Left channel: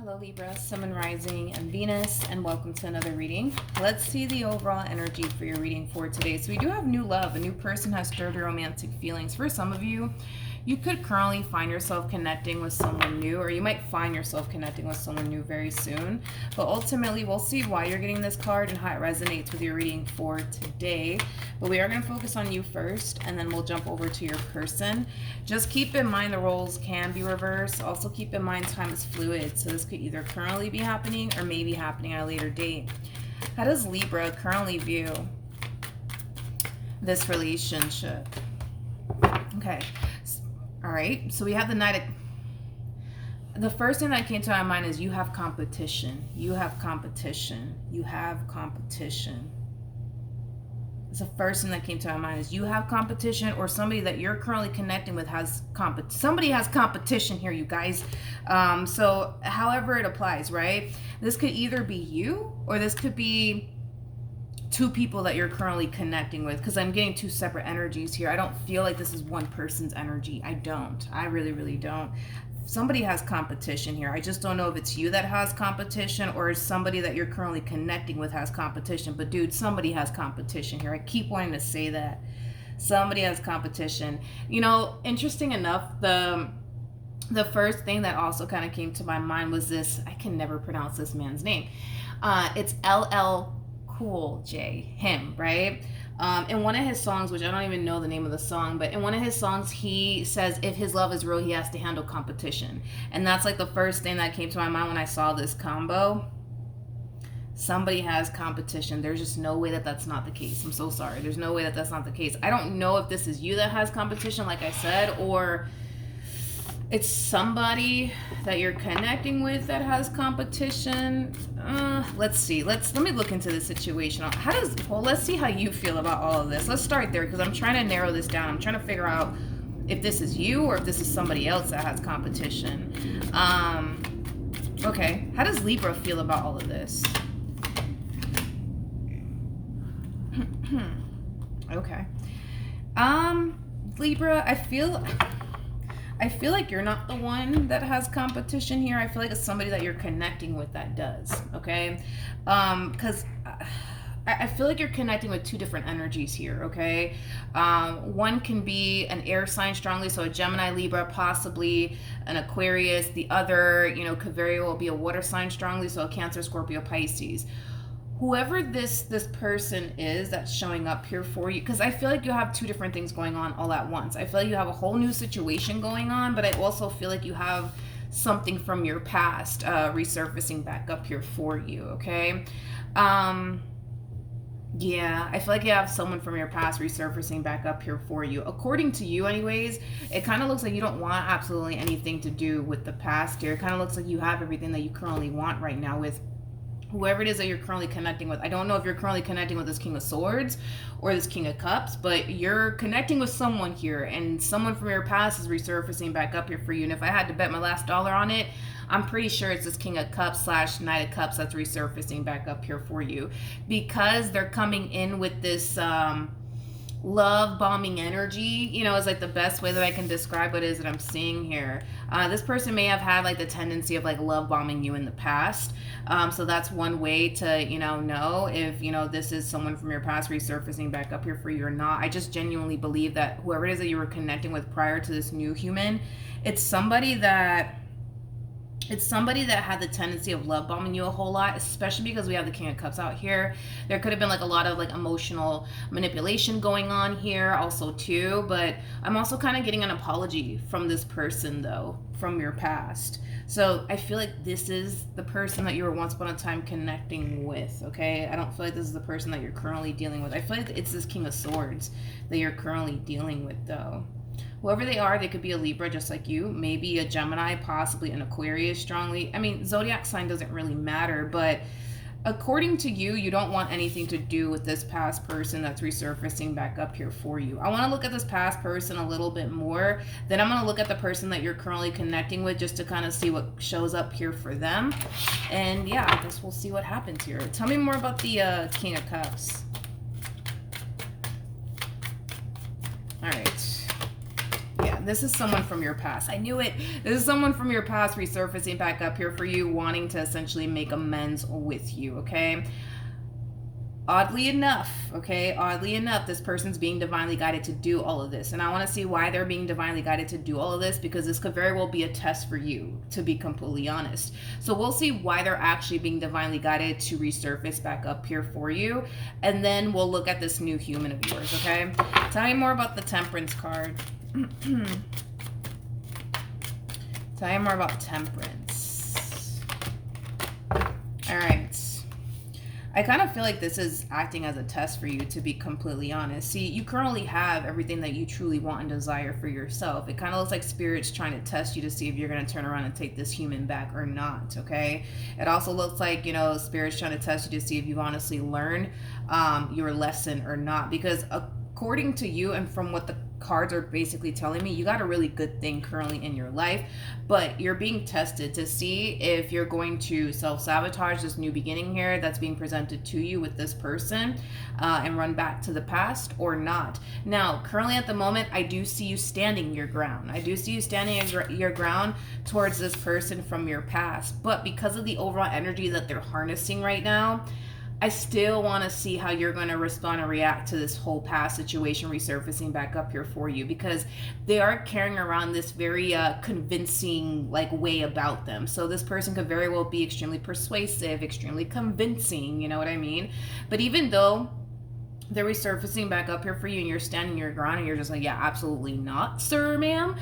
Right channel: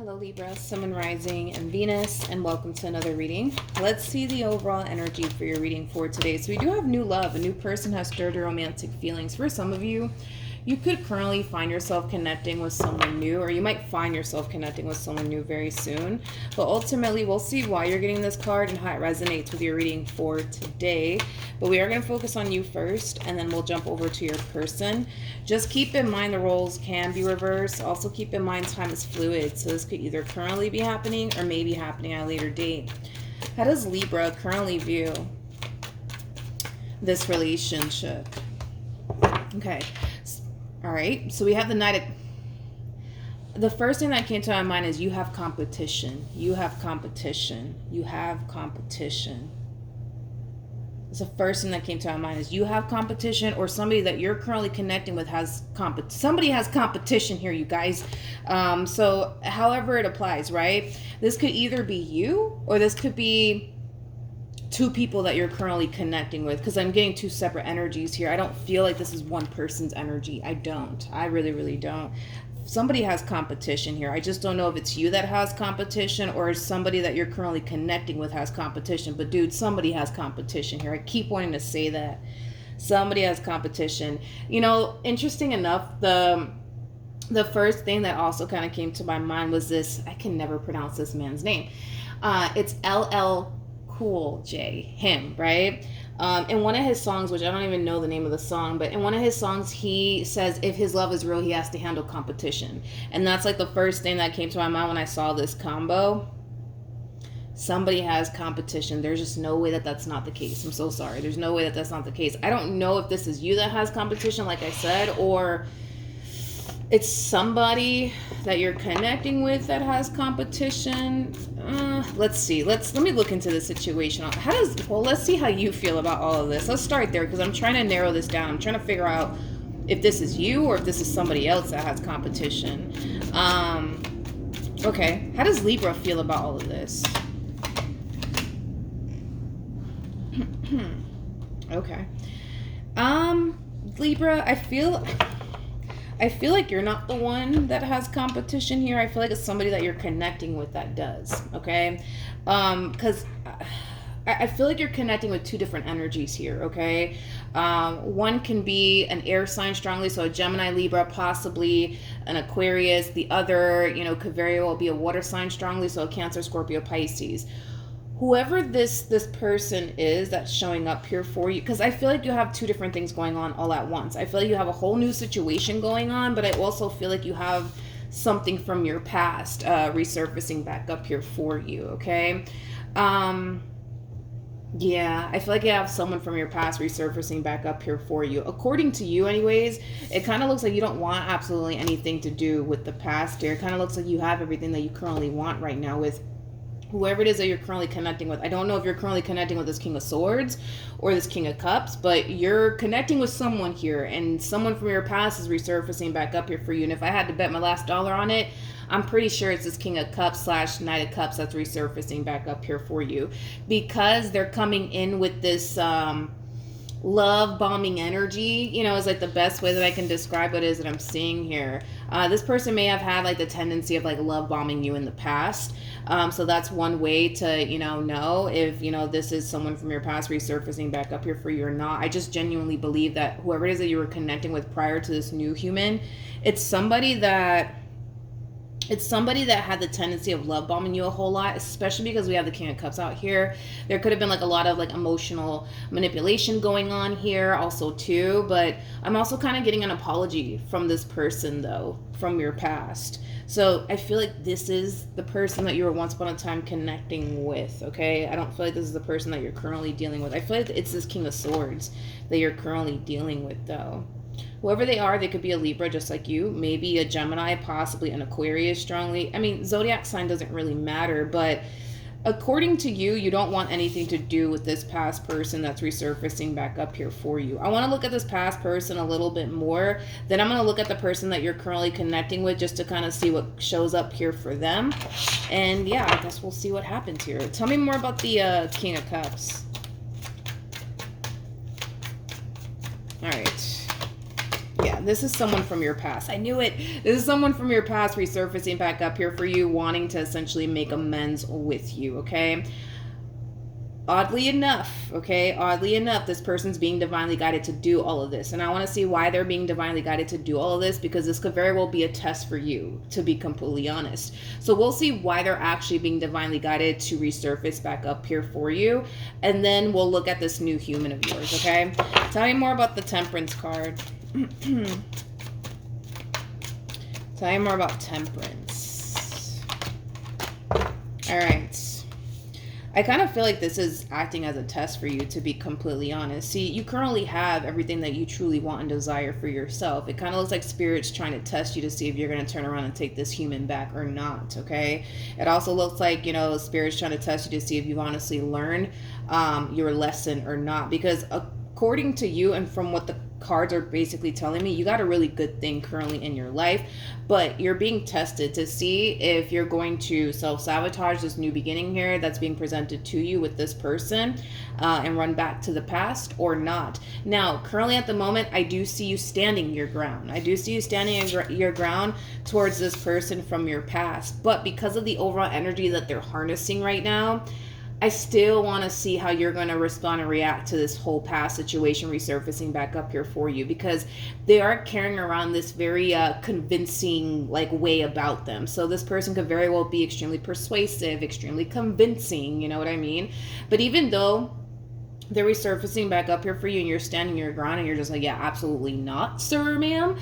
Hello Libra, Sun and Rising and Venus, and welcome to another reading. Let's see the overall energy for your reading for today. So we do have new love. A new person has stirred your romantic feelings. For some of you, you could currently find yourself connecting with someone new, or you might find yourself connecting with someone new very soon. But ultimately, we'll see why you're getting this card and how it resonates with your reading for today. But we are going to focus on you first, and then we'll jump over to your person. Just keep in mind the roles can be reversed. Also keep in mind time is fluid. So this could either currently be happening or maybe happening at a later date. How does Libra currently view this relationship? Okay. All right, so we have the Knight of... The first thing that came to my mind is you have competition. You have competition. You have competition. It's the first thing that came to my mind is you have competition, or somebody that you're currently connecting with has somebody has competition here, you guys. So however it applies, right? This could either be you, or this could be two people that you're currently connecting with, because I'm getting two separate energies here. I don't feel like this is one person's energy. I really don't. Somebody has competition here. I just don't know if it's you that has competition or somebody that you're currently connecting with has competition. But dude, somebody has competition here. I keep wanting to say that. Somebody has competition. You know, interesting enough, the first thing that also kind of came to my mind was this. I can never pronounce this man's name. It's LL Cool J, him, right? In one of his songs, which I don't even know the name of the song, but in one of his songs, he says if his love is real, he has to handle competition. And that's like the first thing that came to my mind when I saw this combo. Somebody has competition. There's just no way that that's not the case. I'm so sorry. There's no way that that's not the case. I don't know if this is you that has competition, like I said, or it's somebody that you're connecting with that has competition. Let's see. Let me look into the situation. Let's see how you feel about all of this. Let's start there, because I'm trying to narrow this down. I'm trying to figure out if this is you or if this is somebody else that has competition. Okay. How does Libra feel about all of this? Okay. Libra, I feel like you're not the one that has competition here. I feel like it's somebody that you're connecting with that does, okay? Because I feel like you're connecting with two different energies here, okay? One can be an air sign strongly, so a Gemini, Libra, possibly an Aquarius. The other, could very well be a water sign strongly, so a Cancer, Scorpio, Pisces. Whoever this person is that's showing up here for you, because I feel like you have two different things going on all at once. I feel like you have a whole new situation going on, but I also feel like you have something from your past resurfacing back up here for you, okay? Yeah, I feel like you have someone from your past resurfacing back up here for you. According to you anyways, it kind of looks like you don't want absolutely anything to do with the past here. It kind of looks like you have everything that you currently want right now with whoever it is that you're currently connecting with. I don't know if you're currently connecting with this King of Swords or this King of Cups, but you're connecting with someone here, and someone from your past is resurfacing back up here for you. And if I had to bet my last dollar on it, I'm pretty sure it's this King of Cups / Knight of Cups that's resurfacing back up here for you, because they're coming in with this love bombing energy, is like the best way that I can describe what it is that I'm seeing here. This person may have had like the tendency of like love bombing you in the past. So that's one way to, know if, this is someone from your past resurfacing back up here for you or not. I just genuinely believe that whoever it is that you were connecting with prior to this new human, it's somebody that had the tendency of love bombing you a whole lot, especially because we have the King of Cups out here. There could have been like a lot of like emotional manipulation going on here also too, but I'm also kind of getting an apology from this person though, from your past. So I feel like this is the person that you were once upon a time connecting with, okay? I don't feel like this is the person that you're currently dealing with. I feel like it's this King of Swords that you're currently dealing with though. Whoever they are, they could be a Libra just like you, maybe a Gemini, possibly an Aquarius strongly. I mean, zodiac sign doesn't really matter, but according to you, you don't want anything to do with this past person that's resurfacing back up here for you. I want to look at this past person a little bit more. Then I'm going to look at the person that you're currently connecting with just to kind of see what shows up here for them. And yeah, I guess we'll see what happens here. Tell me more about the King of Cups. All right. Yeah, this is someone from your past. I knew it. This is someone from your past resurfacing back up here for you, wanting to essentially make amends with you, okay? Oddly enough, this person's being divinely guided to do all of this. And I want to see why they're being divinely guided to do all of this, because this could very well be a test for you, to be completely honest. So we'll see why they're actually being divinely guided to resurface back up here for you. And then we'll look at this new human of yours, okay? Tell me more about the Temperance card. Tell me more about Temperance. All right. I kind of feel like this is acting as a test for you, to be completely honest. See, you currently have everything that you truly want and desire for yourself. It kind of looks like Spirit's trying to test you to see if you're going to turn around and take this human back or not, okay? It also looks like, you know, Spirit's trying to test you to see if you've honestly learned your lesson or not. Because according to you and from what the cards are basically telling me, you got a really good thing currently in your life, but you're being tested to see if you're going to self-sabotage this new beginning here that's being presented to you with this person and run back to the past or not. Now, currently at the moment, I do see you standing your ground. I do see you standing your ground towards this person from your past, but because of the overall energy that they're harnessing right now, I still want to see how you're going to respond and react to this whole past situation resurfacing back up here for you, because they are carrying around this very convincing like way about them. So this person could very well be extremely persuasive, extremely convincing, you know what I mean? But even though they're resurfacing back up here for you and you're standing your ground and you're just like, yeah, absolutely not, sir, ma'am.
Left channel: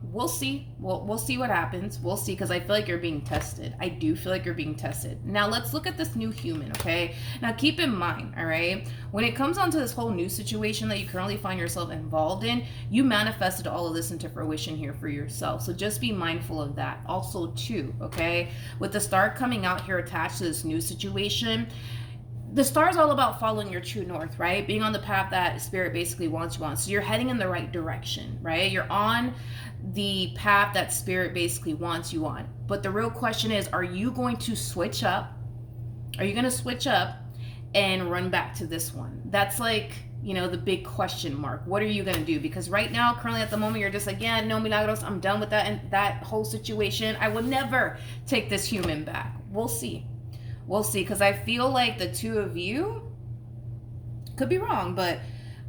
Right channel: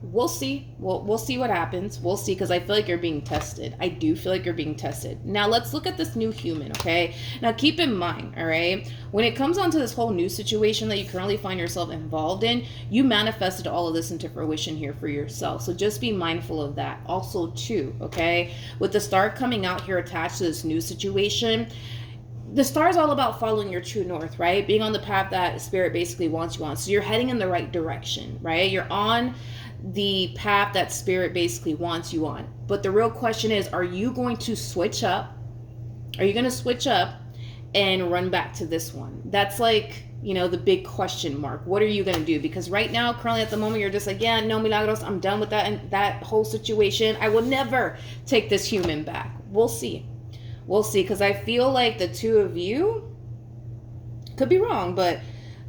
We'll see. We'll see what happens. We'll see, because I feel like you're being tested. I do feel like you're being tested. Now let's look at this new human, okay? Now keep in mind, all right, when it comes onto this whole new situation that you currently find yourself involved in, you manifested all of this into fruition here for yourself. So just be mindful of that. Also too, okay, with the star coming out here attached to this new situation, the star is all about following your true north, right? Being on the path that Spirit basically wants you on. So you're heading in the right direction, right? You're on the path that Spirit basically wants you on. But the real question is, are you going to switch up? Are you going to switch up and run back to this one? That's like, you know, the big question mark. What are you going to do? Because right now, currently at the moment, you're just like, yeah, no, Milagros, I'm done with that and that whole situation. I will never take this human back. We'll see. We'll see, because I feel like the two of you, could be wrong, but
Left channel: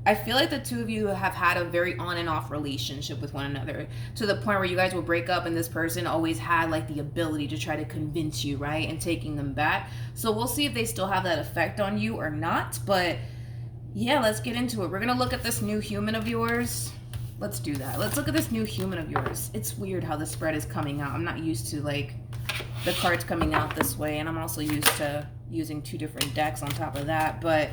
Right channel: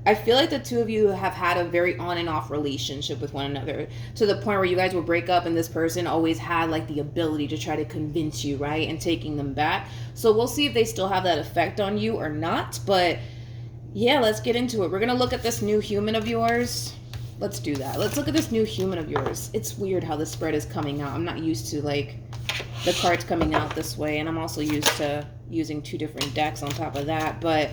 I feel like the two of you have had a very on and off relationship with one another, to the point where you guys will break up and this person always had like the ability to try to convince you, right, and taking them back. So we'll see if they still have that effect on you or not. But yeah, let's get into it. We're going to look at this new human of yours. Let's do that. Let's look at this new human of yours. It's weird how the spread is coming out. I'm not used to like the cards coming out this way, and I'm also used to using two different decks on top of that, but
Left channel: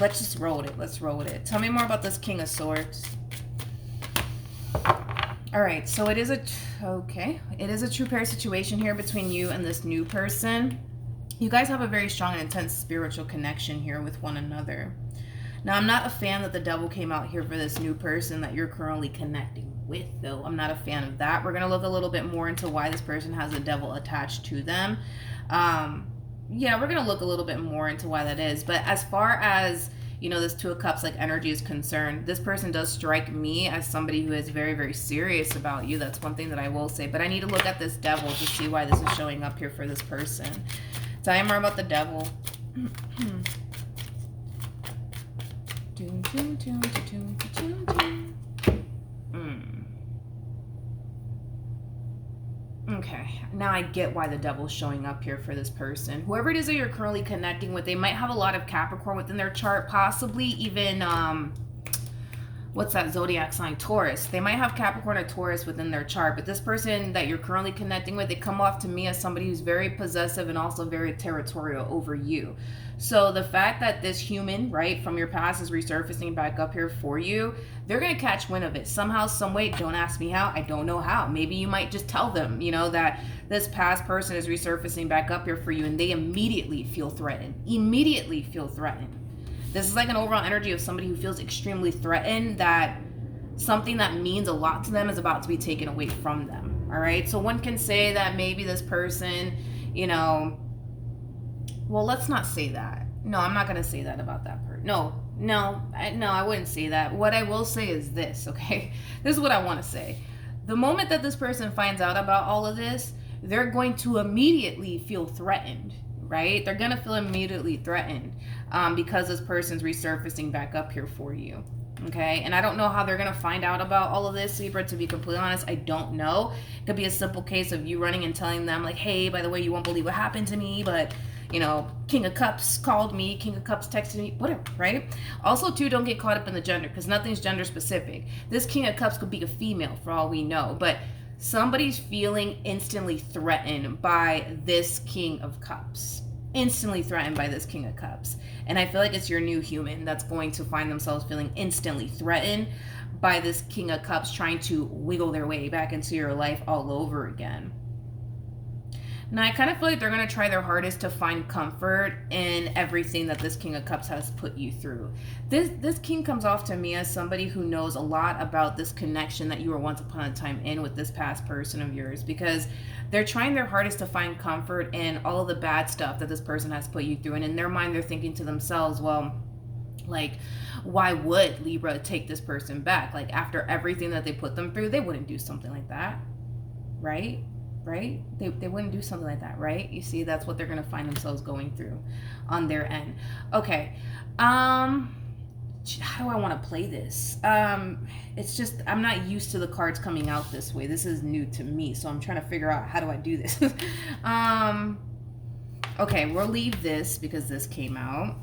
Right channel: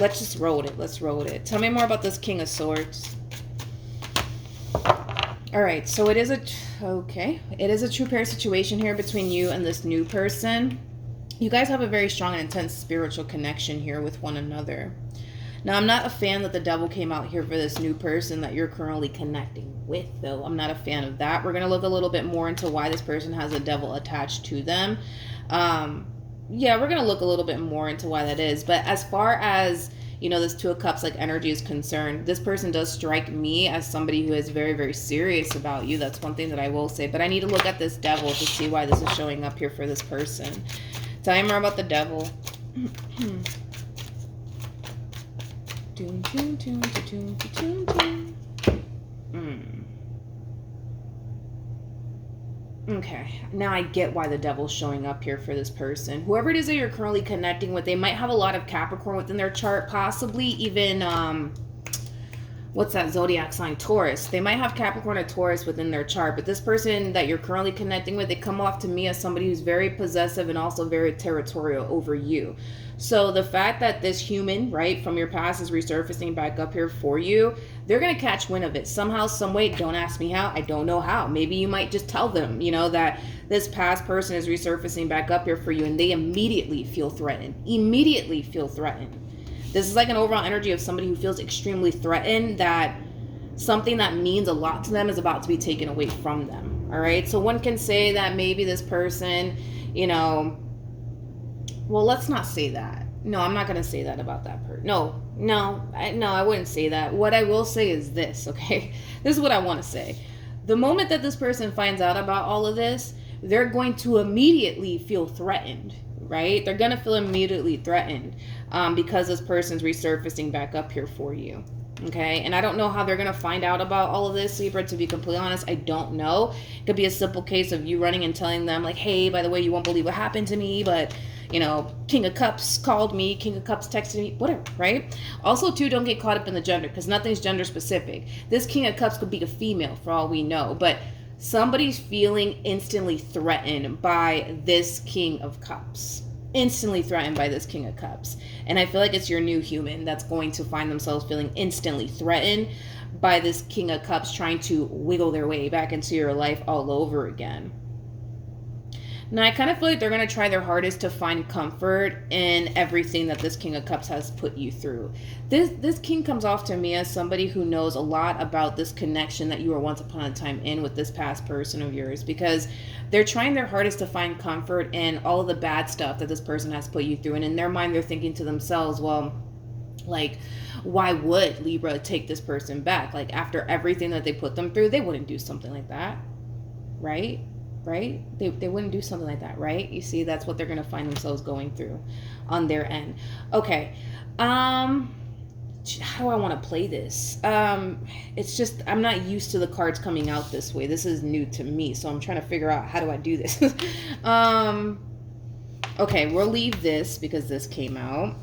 let's just roll it. Let's roll it. Tell me more about this King of Swords. All right, so it is a true pair situation here between you and this new person. You guys have a very strong and intense spiritual connection here with one another. Now, I'm not a fan that the devil came out here for this new person that you're currently connecting with, though. I'm not a fan of that. We're going to look a little bit more into why this person has a devil attached to them. Yeah, we're going to look a little bit more into why that is. But as far as, you know, this Two of Cups like energy is concerned, this person does strike me as somebody who is very, very serious about you. That's one thing that I will say. But I need to look at this devil to see why this is showing up here for this person. Tell me more about the devil. Okay, now I get why the devil's showing up here for this person. Whoever it is that you're currently connecting with, they might have a lot of Capricorn within their chart, possibly even what's that zodiac sign? Taurus. They might have Capricorn or Taurus within their chart, but this person that you're currently connecting with, they come off to me as somebody who's very possessive and also very territorial over you. So the fact that this human, right, from your past is resurfacing back up here for you, they're going to catch wind of it somehow, some way. Don't ask me how. I don't know how. Maybe you might just tell them, you know, that this past person is resurfacing back up here for you, and they immediately feel threatened. Immediately feel threatened. This is like an overall energy of somebody who feels extremely threatened, that something that means a lot to them is about to be taken away from them. All right. So one can say that maybe this person, you know, well, let's not say that. No, I'm not going to say that about that person. No, No, I wouldn't say that. What I will say is this, okay? This is what I want to say. The moment that this person finds out about all of this, they're going to immediately feel threatened, right? They're going to feel immediately threatened because this person's resurfacing back up here for you. Okay, and I don't know how they're gonna find out about all of this, Libra. To be completely honest, I don't know. It could be a simple case of you running and telling them, like, hey, by the way, you won't believe what happened to me, but King of Cups called me, King of Cups texted me, whatever, right? Also, too, don't get caught up in the gender, because nothing's gender specific. This King of Cups could be a female for all we know, but somebody's feeling instantly threatened by this King of Cups. Instantly threatened by this King of Cups. And I feel like it's your new human that's going to find themselves feeling instantly threatened by this King of Cups trying to wiggle their way back into your life all over again. Now, I kind of feel like they're going to try their hardest to find comfort in everything that this King of Cups has put you through. This King comes off to me as somebody who knows a lot about this connection that you were once upon a time in with this past person of yours, because they're trying their hardest to find comfort in all of the bad stuff that this person has put you through. And in their mind, they're thinking to themselves, well, like, why would Libra take this person back? Like, after everything that they put them through, they wouldn't do something like that, right? Right? They wouldn't do something like that, right? You see, that's what they're going to find themselves going through on their end. Okay. How do I want to play this? It's just, I'm not used to the cards coming out this way. This is new to me, so I'm trying to figure out how do I do this. Okay, we'll leave this because this came out.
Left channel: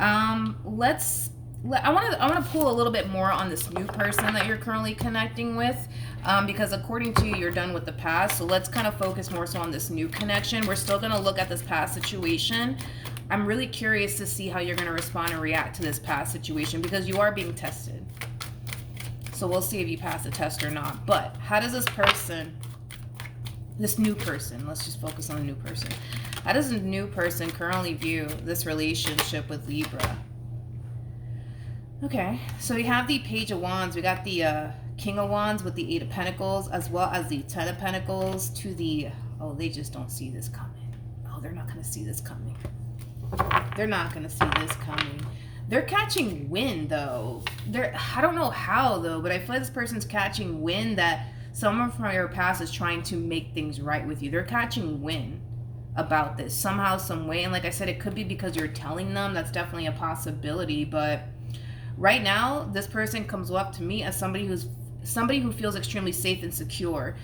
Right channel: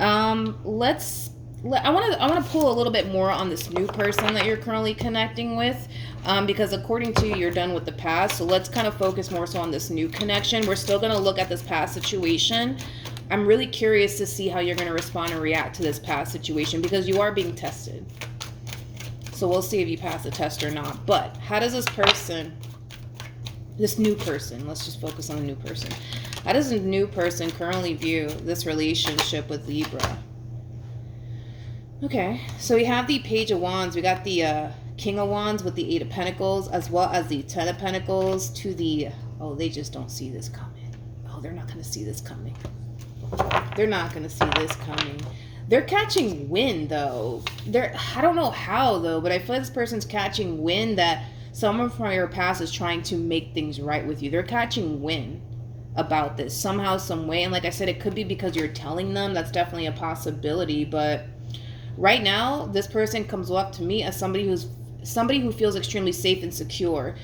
I want to pull a little bit more on this new person that you're currently connecting with. Because according to you, you're done with the past. So let's kind of focus more so on this new connection. We're still going to look at this past situation. I'm really curious to see how you're going to respond and react to this past situation, because you are being tested. So we'll see if you pass the test or not. But how does this new person, let's just focus on the new person. How does a new person currently view this relationship with Libra? Okay, so we have the Page of Wands. We got the King of Wands with the Eight of Pentacles, as well as the Ten of Pentacles to the, oh, they just don't see this coming. Oh, they're not going to see this coming. They're not going to see this coming. They're catching wind, though. I don't know how, though, but I feel like this person's catching wind that someone from your past is trying to make things right with you. They're catching wind about this somehow, some way. And like I said, it could be because you're telling them. That's definitely a possibility. But right now, this person comes up to me as somebody who feels extremely safe and secure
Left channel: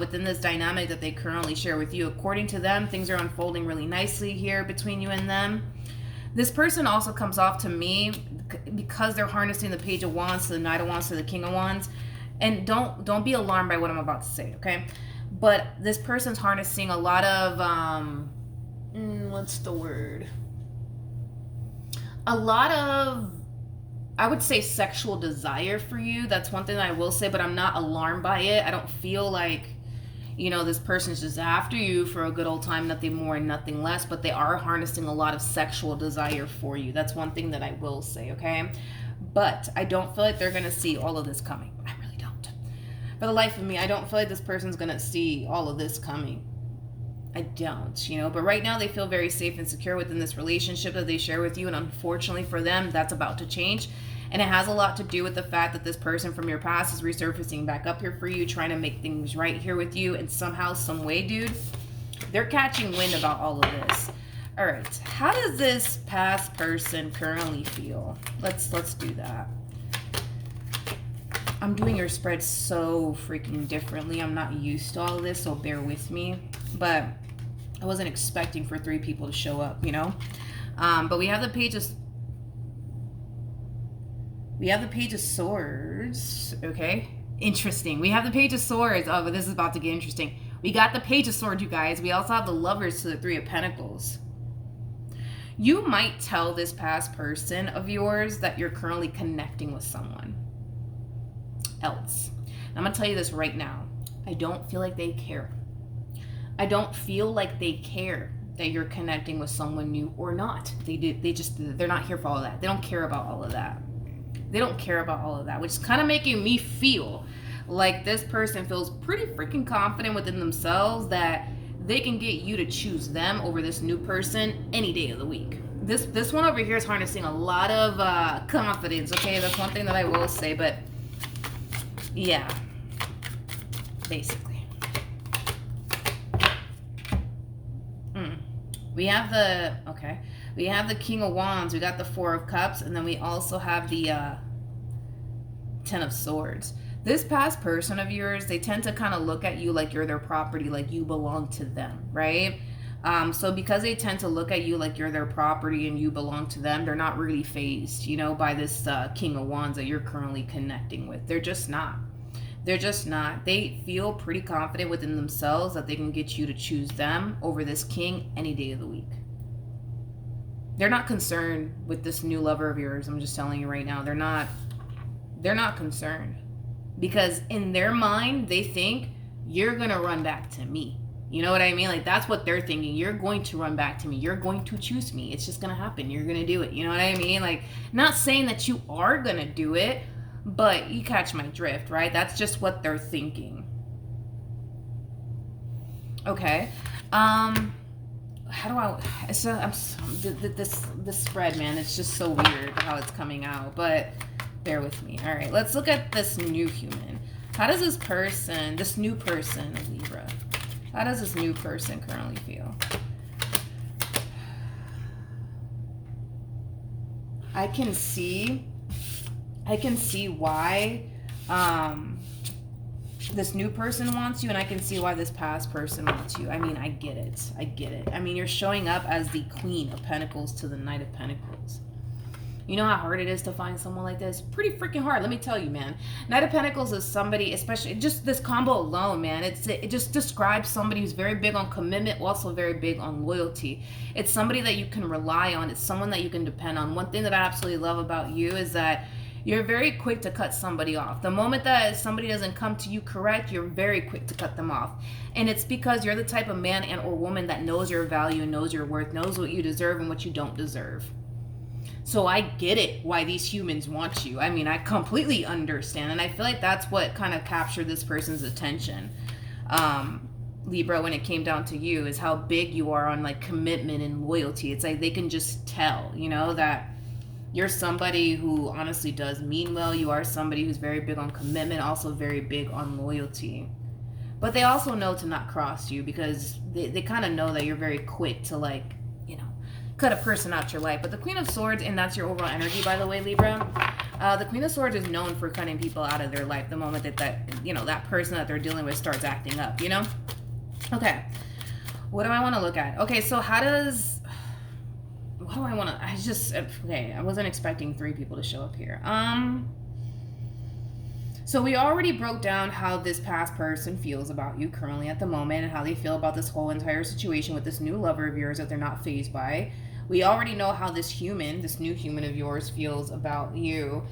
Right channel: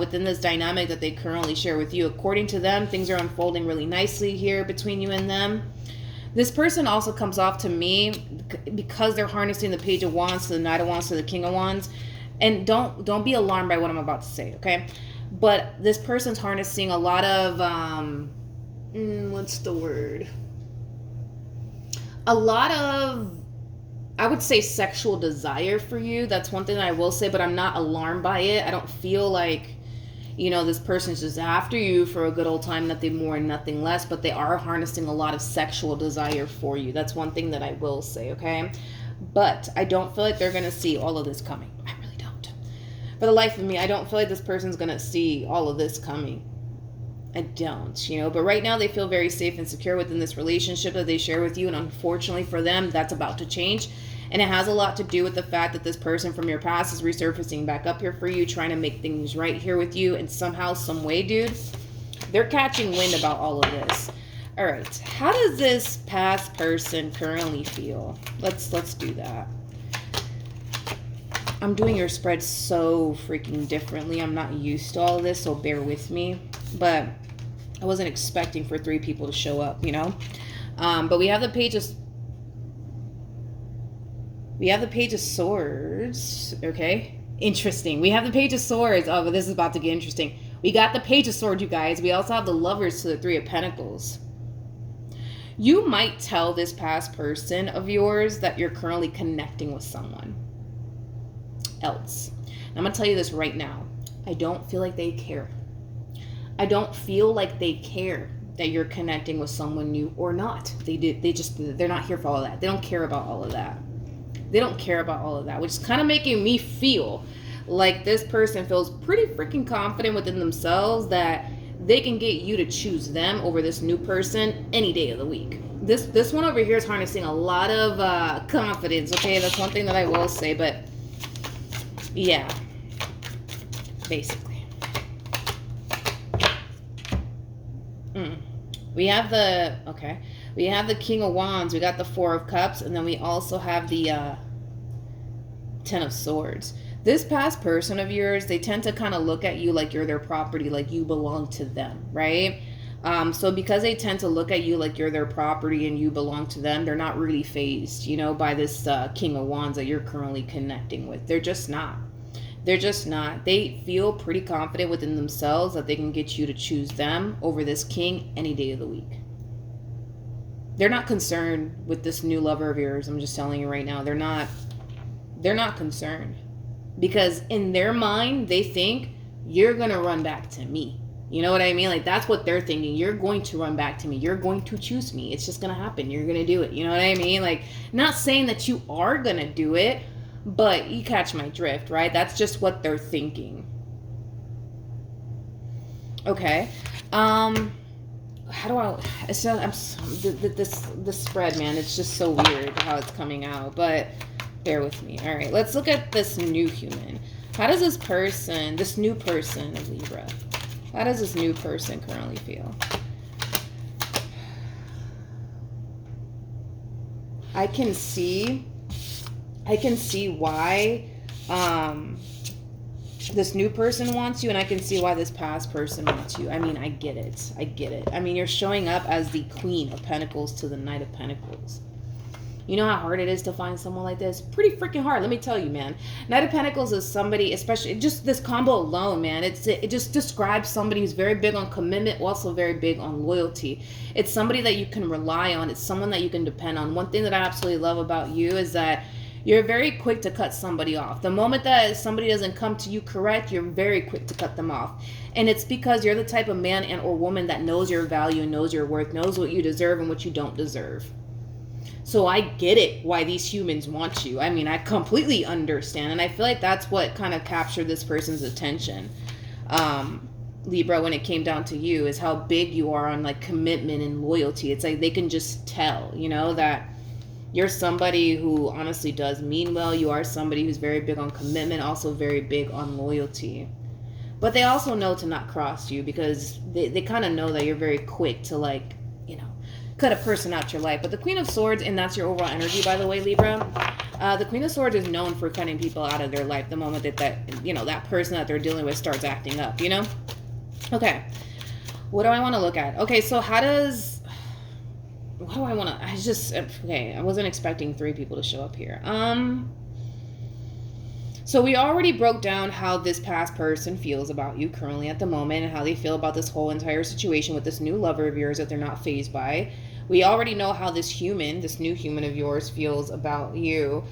within this dynamic that they currently share with you. According to them, things are unfolding really nicely here between you and them. This person also comes off to me because they're harnessing the Page of Wands to the Knight of Wands to the King of Wands. And don't be alarmed by what I'm about to say, okay? But this person's harnessing a lot of what's the word? A lot of, I would say, sexual desire for you. That's one thing that I will say, but I'm not alarmed by it. I don't feel like, this person's just after you for a good old time, nothing more and nothing less, but they are harnessing a lot of sexual desire for you. That's one thing that I will say, okay? But I don't feel like they're going to see all of this coming. I really don't. For the life of me, I don't feel like this person's going to see all of this coming. I don't, but right now they feel very safe and secure within this relationship that they share with you. And unfortunately for them, that's about to change. And it has a lot to do with the fact that this person from your past is resurfacing back up here for you, trying to make things right here with you. And somehow, some way, dude, they're catching wind about all of this. All right. How does this past person currently feel? Let's do that. I'm doing your spread so freaking differently. I'm not used to all this, so bear with me. But I wasn't expecting for 3 people to show up, But we have the Page of Swords. Okay. Interesting. We have the Page of Swords. Oh, but this is about to get interesting. We got the Page of Swords, you guys. We also have the Lovers to the 3 of Pentacles. You might tell this past person of yours that you're currently connecting with someone else. And I'm going to tell you this right now. I don't feel like they care. I don't feel like they care that you're connecting with someone new or not. They're not here for all of that. They don't care about all of that. They don't care about all of that, which is kind of making me feel like this person feels pretty freaking confident within themselves that they can get you to choose them over this new person any day of the week. This one over here is harnessing a lot of confidence. Okay, that's one thing that I will say. But yeah, basically, we have the King of Wands. We got the Four of Cups, and then we also have the Ten of Swords. This past person of yours, they tend to kind of look at you like you're their property, like you belong to them, right? So because they tend to look at you like you're their property and you belong to them, they're not really fazed, by this King of Wands that you're currently connecting with. They're just not. They're just not. They feel pretty confident within themselves that they can get you to choose them over this king any day of the week. They're not concerned with this new lover of yours. I'm just telling you right now. They're not concerned. Because in their mind, they think you're going to run back to me. You know what I mean? Like, that's what they're thinking. You're going to run back to me. You're going to choose me. It's just going to happen. You're going to do it. You know what I mean? Like, not saying that you are going to do it, but you catch my drift, right? That's just what they're thinking. Okay. How do I... So, this spread, man, it's just so weird how it's coming out. But... bear with me. All right, let's look at this new human. How does this new person, Libra, how does this new person currently feel? I can see why this new person wants you, and I can see why this past person wants you. I mean, I get it. I mean, you're showing up as the Queen of Pentacles to the Knight of Pentacles. You know how hard it is to find someone like this? Pretty freaking hard, let me tell you, man. Knight of Pentacles is somebody, especially just this combo alone, man. It just describes somebody who's very big on commitment, also very big on loyalty. It's somebody that you can rely on. It's someone that you can depend on. One thing that I absolutely love about you is that you're very quick to cut somebody off. The moment that somebody doesn't come to you correct, you're very quick to cut them off. And it's because you're the type of man and or woman that knows your value, knows your worth, knows what you deserve and what you don't deserve. So I get it why these humans want you. I mean, I completely understand. And I feel like that's what kind of captured this person's attention, Libra, when it came down to you, is how big you are on like commitment and loyalty. It's like they can just tell, that you're somebody who honestly does mean well. You are somebody who's very big on commitment, also very big on loyalty. But they also know to not cross you because they kind of know that you're very quick to cut a person out your life. But the Queen of Swords, and that's your overall energy, by the way, Libra, the Queen of Swords is known for cutting people out of their life the moment that person that they're dealing with starts acting up, Okay. What do I want to look at? Okay, so I wasn't expecting 3 people to show up here. So we already broke down how this past person feels about you currently at the moment and how they feel about this whole entire situation with this new lover of yours that they're not fazed by. We already know how this new human of yours feels about you.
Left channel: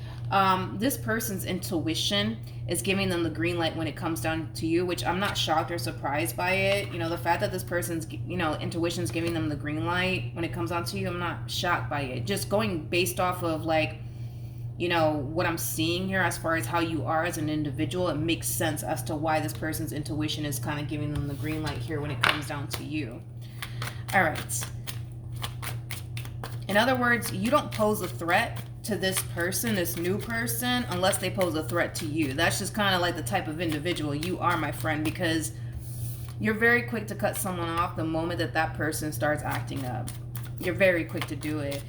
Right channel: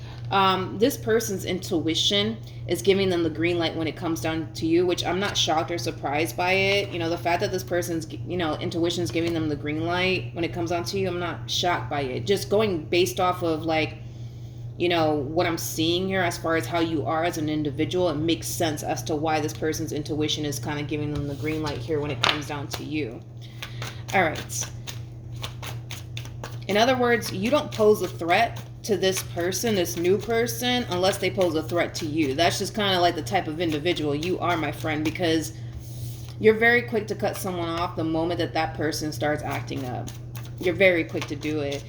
This person's intuition is giving them the green light when it comes down to you, which I'm not shocked or surprised by it. The fact that this person's, intuition is giving them the green light when it comes down to you, I'm not shocked by it. Just going based off of what I'm seeing here as far as how you are as an individual, it makes sense as to why this person's intuition is kind of giving them the green light here when it comes down to you. All right. In other words, you don't pose a threat to this person, this new person, unless they pose a threat to you. That's just kind of like the type of individual you are, my friend, because you're very quick to cut someone off the moment that person starts acting up. You're very quick to do it.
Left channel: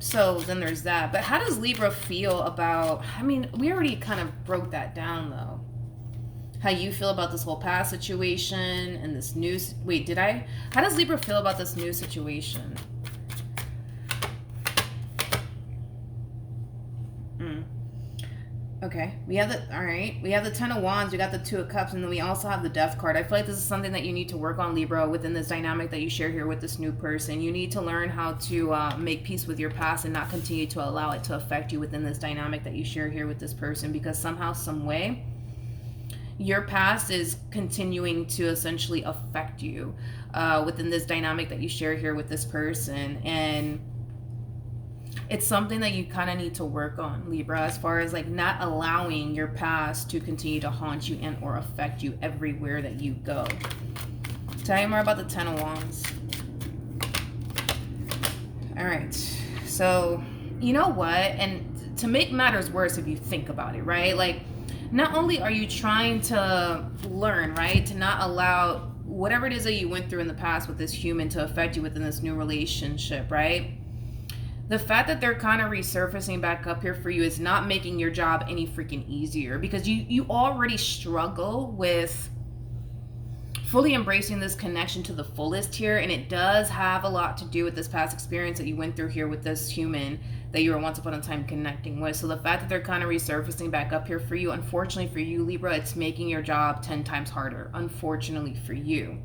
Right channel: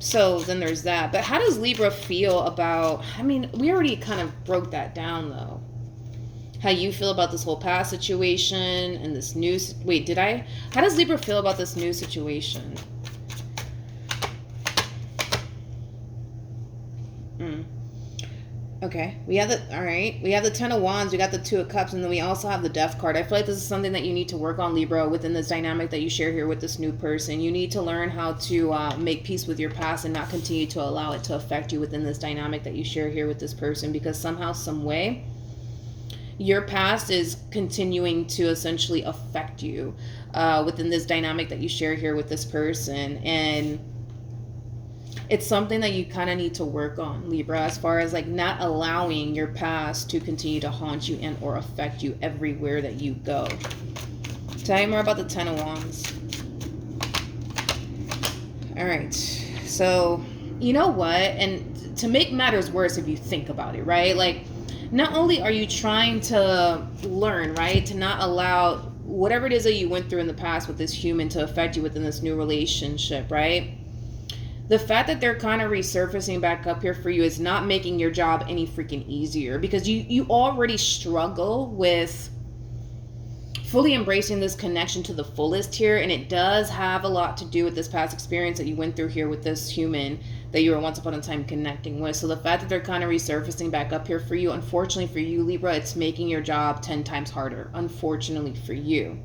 So then there's that. But how does Libra feel about, we already kind of broke that down though. How you feel about this whole past situation and this new, how does Libra feel about this new situation? Okay, we have the Ten of Wands, we got the Two of Cups, and then we also have the Death card. I feel like this is something that you need to work on, Libra, within this dynamic that you share here with this new person. You need to learn how to make peace with your past and not continue to allow it to affect you within this dynamic that you share here with this person, because somehow, some way, your past is continuing to essentially affect you within this dynamic that you share here with this person. And it's something that you kind of need to work on, Libra, as far as not allowing your past to continue to haunt you and or affect you everywhere that you go. Tell me more about the Ten of Wands. right. So, you know what? And to make matters worse, if you think about it, right? Like, not only are you trying to learn, right, to not allow whatever it is that you went through in the past with this human to affect you within this new relationship, right? The fact that they're kind of resurfacing back up here for you is not making your job any freaking easier, because you already struggle with fully embracing this connection to the fullest here, and it does have a lot to do with this past experience that you went through here with this human that you were once upon a time connecting with. So the fact that they're kind of resurfacing back up here for you, unfortunately for you, Libra, it's making your job 10 times harder. Unfortunately for you.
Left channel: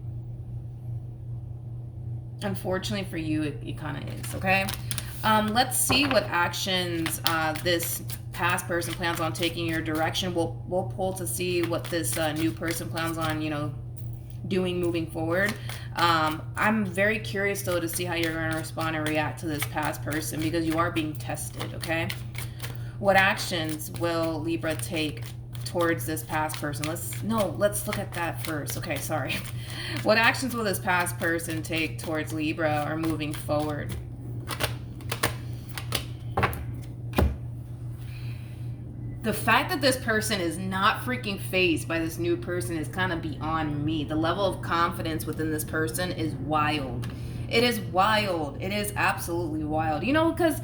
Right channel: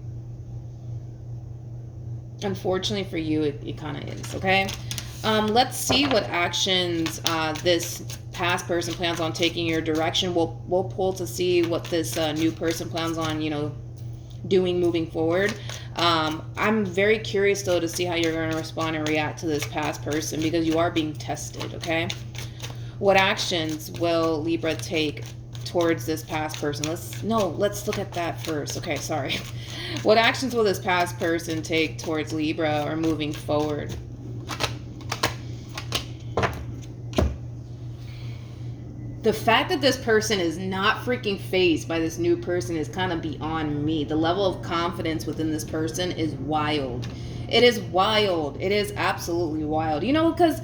Unfortunately for you, it kind of is, okay? Let's see what actions this past person plans on taking your direction. We'll pull to see what this new person plans on, doing moving forward. I'm very curious though to see how you're going to respond and react to this past person, because you are being tested, okay? What actions will Libra take towards this past person? Let's look at that first. Okay, sorry. What actions will this past person take towards Libra or moving forward? The fact that this person is not freaking phased by this new person is kind of beyond me. The level of confidence within this person is wild. It is wild. It is absolutely wild. Because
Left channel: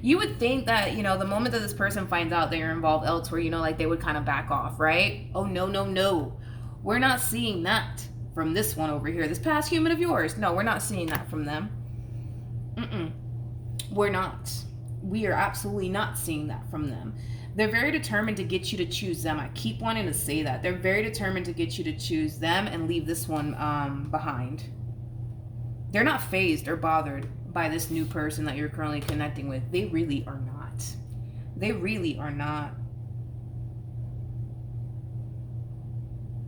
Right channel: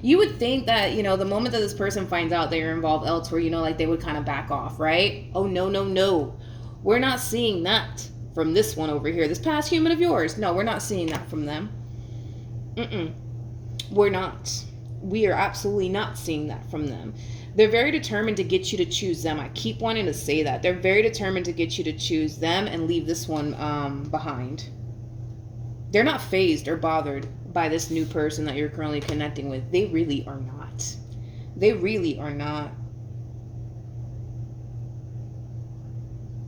you would think that, the moment that this person finds out that you're involved elsewhere, like they would kind of back off, right? Oh, no. We're not seeing that from this one over here. This past human of yours. No, we're not seeing that from them. We're not. We are absolutely not seeing that from them. They're very determined to get you to choose them. I keep wanting to say that. They're very determined to get you to choose them and leave this one behind. They're not phased or bothered by this new person that you're currently connecting with. They really are not. They really are not.